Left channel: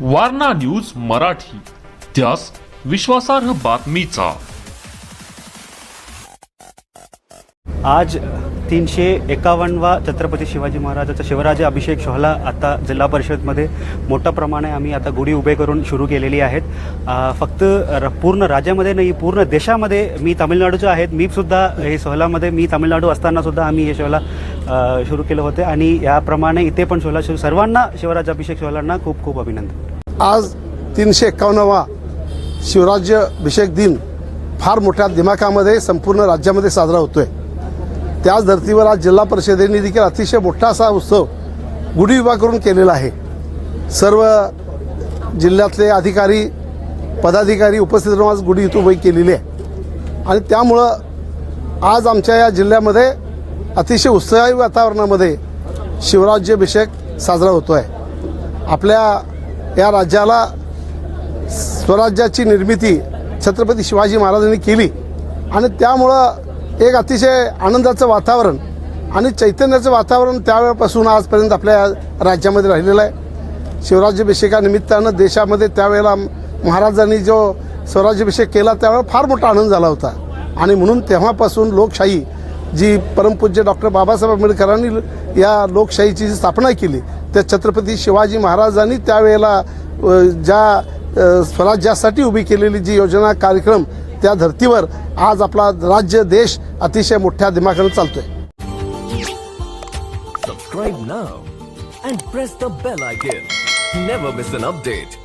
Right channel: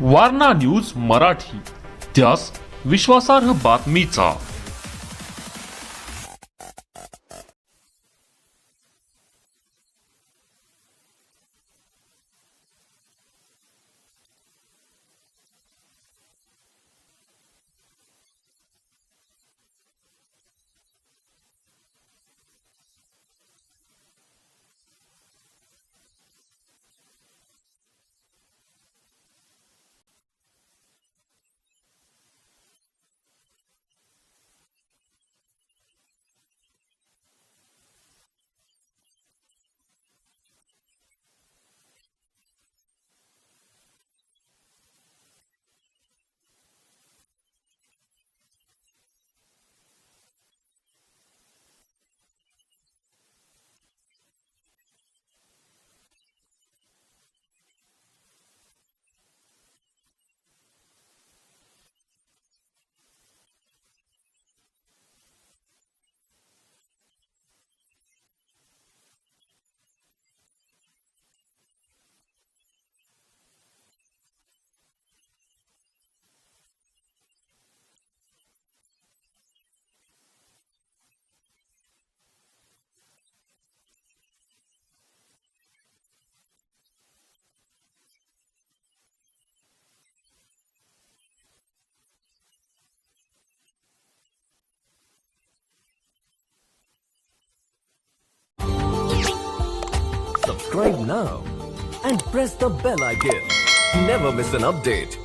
Warna news Marathi, त्यास विश्वासार्ह बातमीचा। आज 351वा छत्रपती शिवाजी महाराजांचा शिवराज्य अभिषेक सोहळा आता जिल्हा परिषदमध्ये मोठ्या प्रमाणे आम्ही आता गुढी उभे करून सुरू केलेली आहेत। फक्त पूर्ण राज्यामध्ये नाही, पूर्ण देशामध्ये मी तामिळनाडूचे आहेत, मी सुद्धा हे सोहळ्यामध्ये मी तामिळनाडू असताना सुद्धा आम्ही हे सोहळा सुरू केलं होते आणि याप्रमाणे इथे पण सोहळा सुरू। सर्वांना शिवराज्य अभिषेक सोहळ्यांना खूप खूप अभिनंदन। आज 351वा शिवराज्याभिषेक दिन फार मोठ्या दिमाखामध्ये संपूर्ण राज्यामध्ये साजरा होतोय। त्याच धर्तीवर आज जिल्हा परिषदेने देखील अतिशय मोठा असा उत्सव गुढी उभा करून केलेला आहे। सर्व जिल्ह्यातले अधिकारी पदाधिकारी उपस्थित राहून आज गुढी इथं उभी केलेली आहे आणि त्यामुळं आज आमच्या या जिल्ह्यामध्ये अतिशय उत्साही वातावरणामध्ये शिवराज्याभिषेक साजरा होतोय। आपल्या या राज्याला स्वराज्याची निर्मिती छत्रपती शिवाजी महाराजांनी केली आणि त्यामुळं एक अतिशय आनंदाचं वातावरण आणि चैतन्याचं वातावरण त्यावेळेपासून आजपर्यंत आपल्या राज्यामध्ये राहिलेलं आहे। शिवराज्याभिषेकानिमित्तानं देशामध्ये त्यावेळेला महाराजांनी जो स्वराज्याभिषेक केला त्यावेळेला फार मोठा आनंद झाला होता आणि म्हणून तेव्हापासून लोकशाही जी परमपूज्य डॉक्टर बाबासाहेब आंबेडकरांनी या लोकशाहीची जी स्थापना केली त्या छत्रपती शिवाजी महाराजांनी त्यावेळेला ज्या स्वराज्यासाठी उभी केलेली जी योजना कार्यक्रम त्या धर्तीवर आज आपला राज्य देश अतिशय मोठ्या दिमाखाने चालतोय। Subscribe now and press the bell icon. Never miss an update.